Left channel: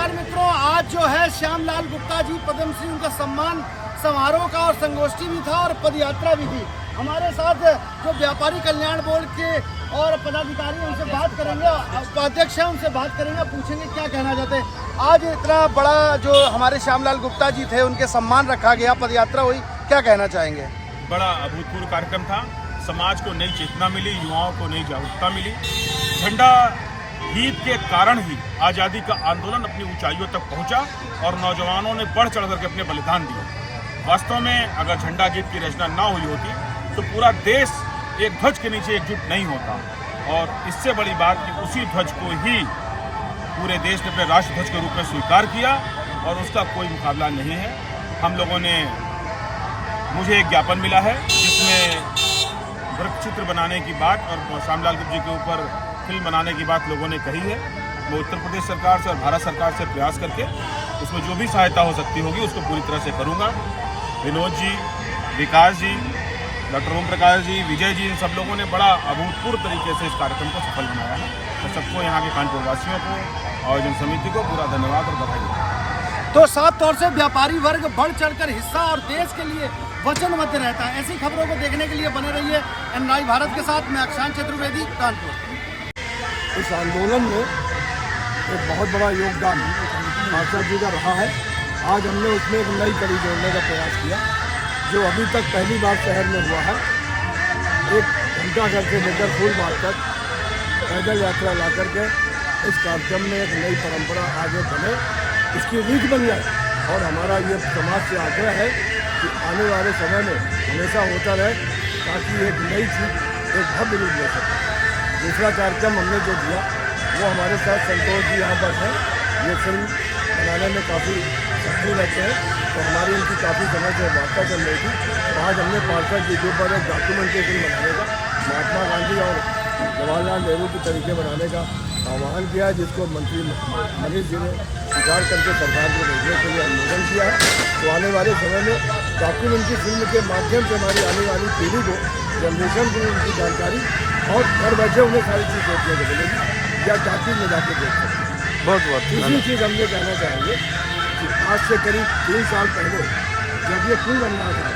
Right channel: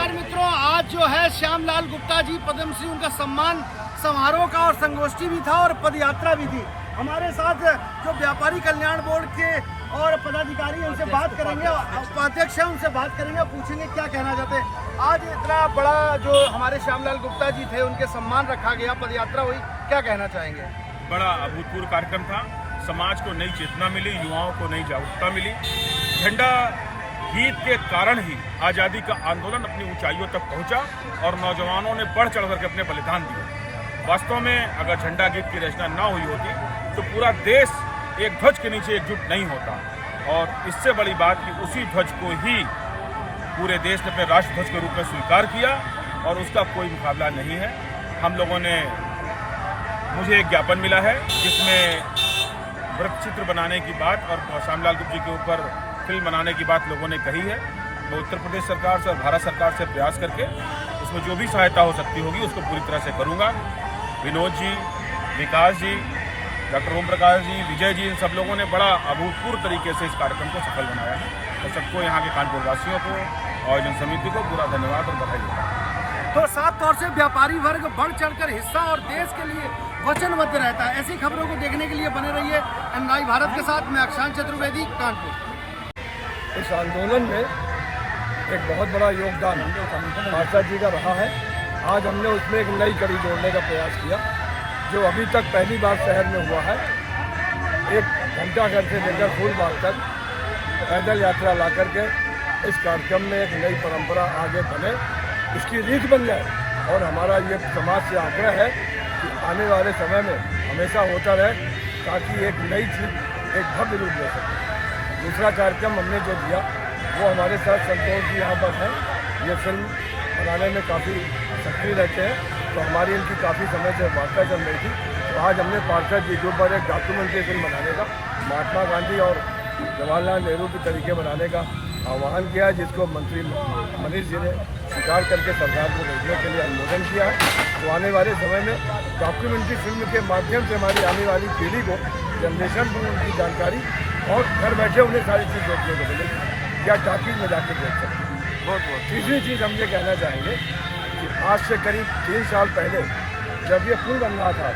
नमस्कार मित्रों, आज जो है श्यामलाल गुप्ता जी पद्मश्री उनका सम्मान समारोह का और संगोष्ठी भी था और पदयात्रा भी थी। हमारे साथ जो व्यापारी कल्याण बोर्ड के और पदाधिकारी उनसे बात करेंगे, उपाध्यक्ष हैं उनसे बात करेंगे, पूछेंगे क्या कहना चाहते हैं। आज इतना बड़ा जो हमारे श्यामलाल गुप्ता जी थे उनके सम्मान रखा गया, पदयात्रा हुई, क्या कहना चाहेंगे? बड़ा अभूतपूर्व कार्यक्रम था। समाज को नई चेतना मिली, युवाओं को नई जागरूकता मिली। झंडा गीत के कारण ही आज़ादी का आंदोलन अपनी ऊंचाइयों तक पहुंचा और नौजवानों ने बढ़ चढ़ करके अपने बलिदान दिए। वास्तव में अगर झंडा गीत की रचना ना हुई होती तो पूरा देश एक ध्वज के नीचे एकजुट नहीं होता। और इससे बड़ी बात कि उसी ध्वज को ही पूरे देश ने अपने राष्ट्र ध्वज के रूप में स्वीकार किया और उसका कोई मुकाबला नहीं है। हम लोगों ने, मुझे एक ज्ञापन मिला है जिसमें वृत्त चित्र बनाने की बात और श्यामलाल गुप्ता जी के ऊपर फिल्म बनाने की बात लोगों ने कही है। मैं उत्तर प्रदेश सरकार से और भारत सरकार से प्रयास करके उसमें जो भी सहायता हो सकती होगी उसको पूरी तरह से करूंगा। विनोद जी, विकास जी, डॉक्टर ओम प्रकाश जी, विजय जी, इन सब लोगों ने बड़ा अभूतपूर्व तरीके से इस कार्यक्रम को सफल बनाया है। मैं सबको, यहाँ के कानपुर वासियों को, आयोजन समिति को पूरा धन्यवाद और बधाई देता हूँ। तो साफ तौर से व्यापारी वर्ग बढ़ चढ़कर हिस्सा और देश के लिए वचनबद्ध रहता है। ऐसी खबरों को देखने के लिए बने रहिए एनआई भारत के साथ। मैं अक्षांश चतुर्वेदी, कानपुर। इस आंदोलन में एक बहुत बड़ा योगदान पार्षद जी का रहा है। आज हमने उसमें एक नई कड़ी जोड़ने का प्रयास किया, जो अभी तक पहली बार शहर में हुआ है। एक घंटा घर से लेकर फूल बाग तक पैदल यात्रा ला करके इस कार्यक्रम में एक नई परंपरा आगे बढ़े, इसकी रीत बन जाए। और हमारा ये समाज से आग्रह है कि आने वाले समय में हमेशा होता रहे, ताकि एक नई चीज़ एक भव्य रूप ले सके। दूसरा कार्यक्रम हमने जो दिया वो हमारे साथ संतोष जी यहाँ पर हैं। ये फिल्म बनाने में काफ़ी सक्रिय रहते हैं, तो हमारी इनकी काफ़ी समय से वार्ता चल रही थी। तो आज हमने पार्षद जी के ऊपर एक डॉक्यूमेंट्री फिल्म बनाने का, महात्मा गांधी और जवाहरलाल नेहरू के तरीके बनाने का आह्वान किया है, जिसको मंत्री मनीष जी ने स्वीकार करके सरकार को भेजने के लिए अनुमोदन किया है। तो आने वाले समय में डॉक्यूमेंट्री फिल्म के माध्यम से हमारी आने वाली पीढ़ी को, जनरेशन को उनकी जानकारी और घर बैठे उन्हें सारी चीज़ देखने को मिलेगी या टॉकीज में जाके देख सकते हैं। बहुत तीसरी चीज़ हम ये कहना चाहेंगे कि आज से करीब 3 साल पहले जब ये पुल बन रहा था,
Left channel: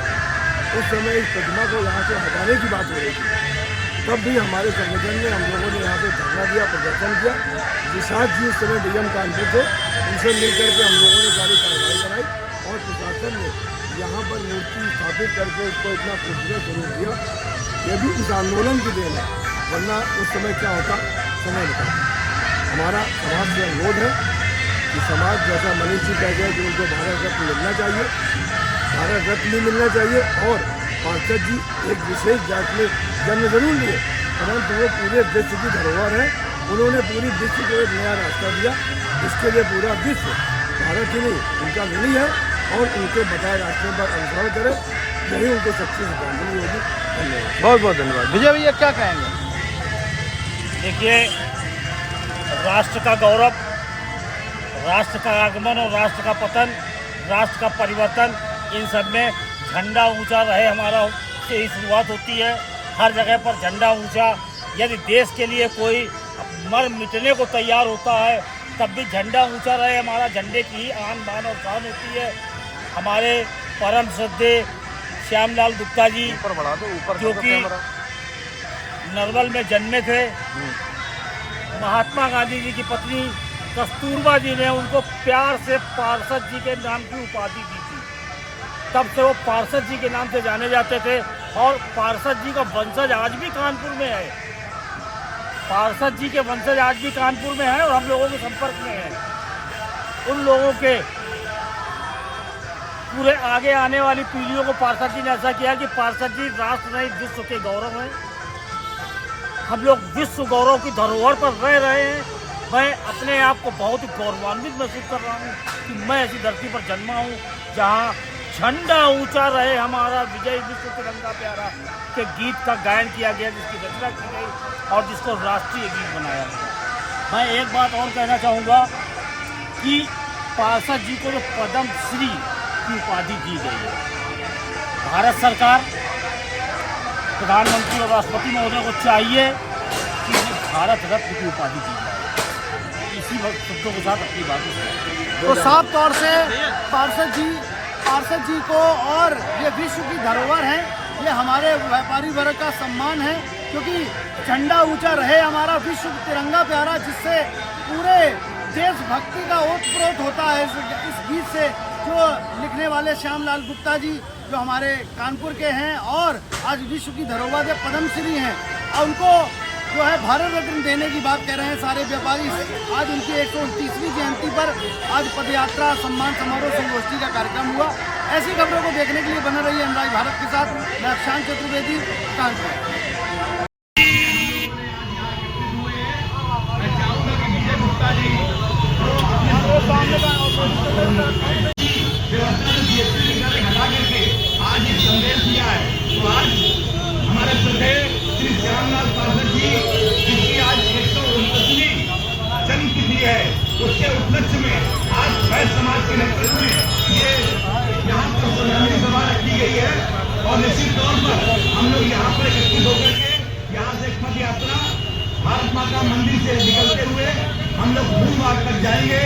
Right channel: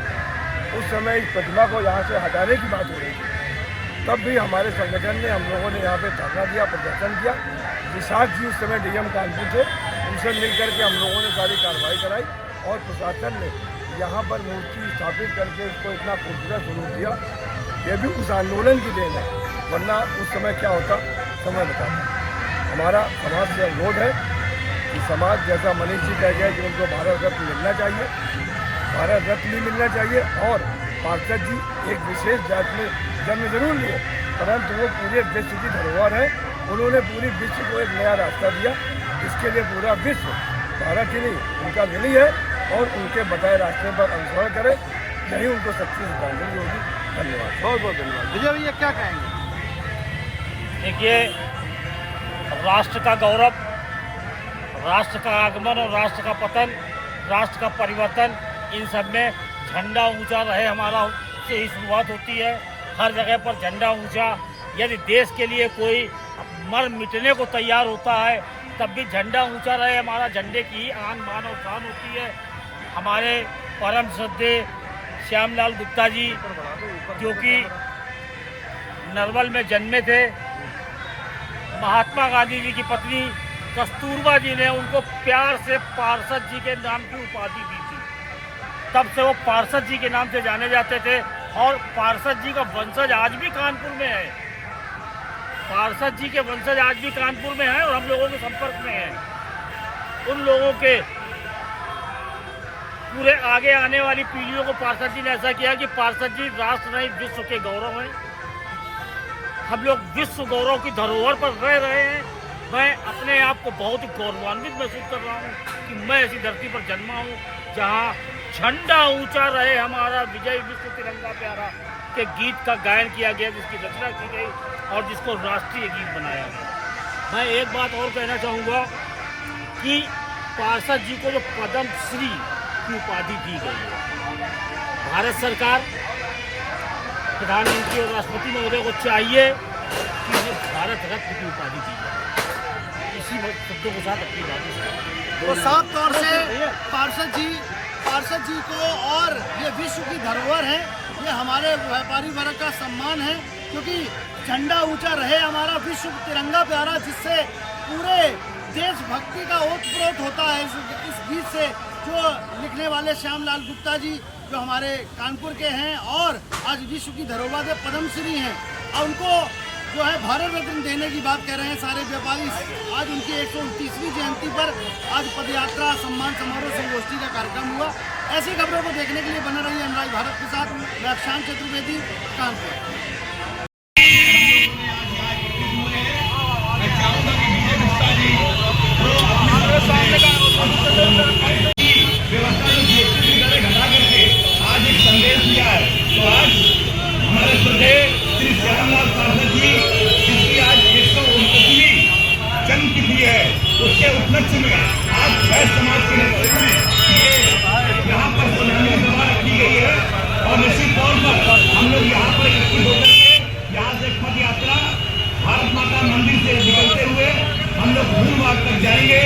उस समय इस प्रतिमा को यहाँ से हटाने की बात हो रही थी। तब भी हमारे संगठन ने, हम लोगों ने यहाँ पे धरना दिया, प्रदर्शन किया। विशाख जी उस समय डीएम कानपुर थे, उनसे मिल करके हम लोगों ने सारी कार्रवाई कराई और प्रशासन ने यहाँ पर मूर्ति स्थापित करके इसको इतना खूबसूरत स्वरूप दिया। ये भी उस आंदोलन की देन है, वरना उस समय क्या होता समय बताता। हमारा समाज से अनुरोध है कि समाज, जैसा मनीष जी कह गए कि उनको भारत रत्न मिलना चाहिए, भारत रत्न भी मिलना चाहिए। और पार्षद जी एक विशेष जात में जन्म जरूर लिए, परंतु वो पूरे विश्व की धरोहर है। उन्होंने पूरी विश्व को एक नया रास्ता दिया। इसके लिए पूरा विश्व, भारत ही नहीं, उनका ऋणी है और उनके बताए रास्ते पर अनुसरण करे, यही उनको सबसे श्रद्धांजलि होगी। धन्यवाद, बहुत बहुत धन्यवाद। विजय भैया क्या कहेंगे? देखिए, राष्ट्र का गौरव, राष्ट्र का आगमन और राष्ट्र का पतन, राष्ट्र का परिवर्तन, इन सब में झंडा ऊंचा रहे हमारा से ही शुरुआत होती है। हर जगह पर झंडा ऊंचा। यदि देश के लिए कोई मर मिटने को तैयार होता है, तब भी झंडा ऊंचा रहे हमारा। झंडे की ही आन बान और शान होती है। हमारे परम श्रद्धेय श्यामलाल गुप्ता जी, जो कि नरवल में जन्मे थे, महात्मा गांधी जी की पत्नी कस्तूरबा जी ने उनको प्यार से पार्षद जी के नाम की उपाधि दी थी। तब से वो पार्षद जी के नाम से जाने जाते थे और पार्षद जी का वंशज आज भी कानपुर में है। पार्षद जी के वंशज आज भी कानपुर में हैं और हम लोगों के संपर्क में हैं। उन लोगों के पूरे आगे आने वाली पीढ़ियों को पार्षद जी ने ऐसा किया कि पार्षद जी राष्ट्र नहीं, विश्व के गौरव हैं। हम लोग विश्व गौरव की धरोहर पर रह रहे हैं। मैं अपने आप को बहुत ही गौरवान्वित महसूस कर रहा हूँ कि मैं ऐसी धरती पर जन्मा हूँ जहाँ झंडा ऊंचा रहे हमारा, विजय विश्व तिरंगा प्यारा के गीत का गायन किया गया, जिसकी रचना की गई और जिसको राष्ट्रीय गीत बनाया गया। मैं एक बात और कहना चाहूँगा कि पार्षद जी को जो पद्मश्री की उपाधि दी गई है, भारत सरकार, प्रधानमंत्री और राष्ट्रपति महोदय को चाहिए कि इन्हें भारत रत्न की उपाधि दी जाए। इसी शब्दों के साथ अपनी बात तो साफ तौर से पार्षद जी को, और ये विश्व की धरोहर है, ये हमारे व्यापारी वर्ग का सम्मान है, क्योंकि झंडा ऊंचा रहे हमारा, विश्व तिरंगा प्यारा, जिससे पूरे देशभक्ति का ओतप्रोत होता है इस गीत से, जो लिखने वाले श्याम लाल गुप्ता जी जो हमारे कानपुर के हैं और आज विश्व की धरोहर पद्मश्री हैं, और उनको जो है भारत रत्न देने की बात कह रहे हैं सारे व्यापारी। आज उनकी 129वीं जयंती पर आज पदयात्रा, सम्मान समारोह, संगोष्ठी का कार्यक्रम हुआ। ऐसी खबरों को देखने के लिए बना रही है एमराई भारत के साथ। मैं अक्षांश चतुर्वेदी, कानपुर। मैं चाहूंगा कि विजय गुप्ता जी व्यवस्था में जीएसटी की दरें घटा करके आज एक संदेश दिया है। तो आज हमारे श्रद्धेय श्री श्यामलाल पार्षद जी, जिसकी आज 129वीं जन्मतिथि है, उसके उपलक्ष्य में आज वैश्य समाज के नेतृत्व में ये यहाँ पर श्रद्धांजलि सभा रखी गई है। और निश्चित तौर पर हम लोग यहाँ पर एकत्रित होकर के यहाँ से पद यात्रा भारत माता मंदिर से निकलते हुए हम लोग फूलबाग तक जाएंगे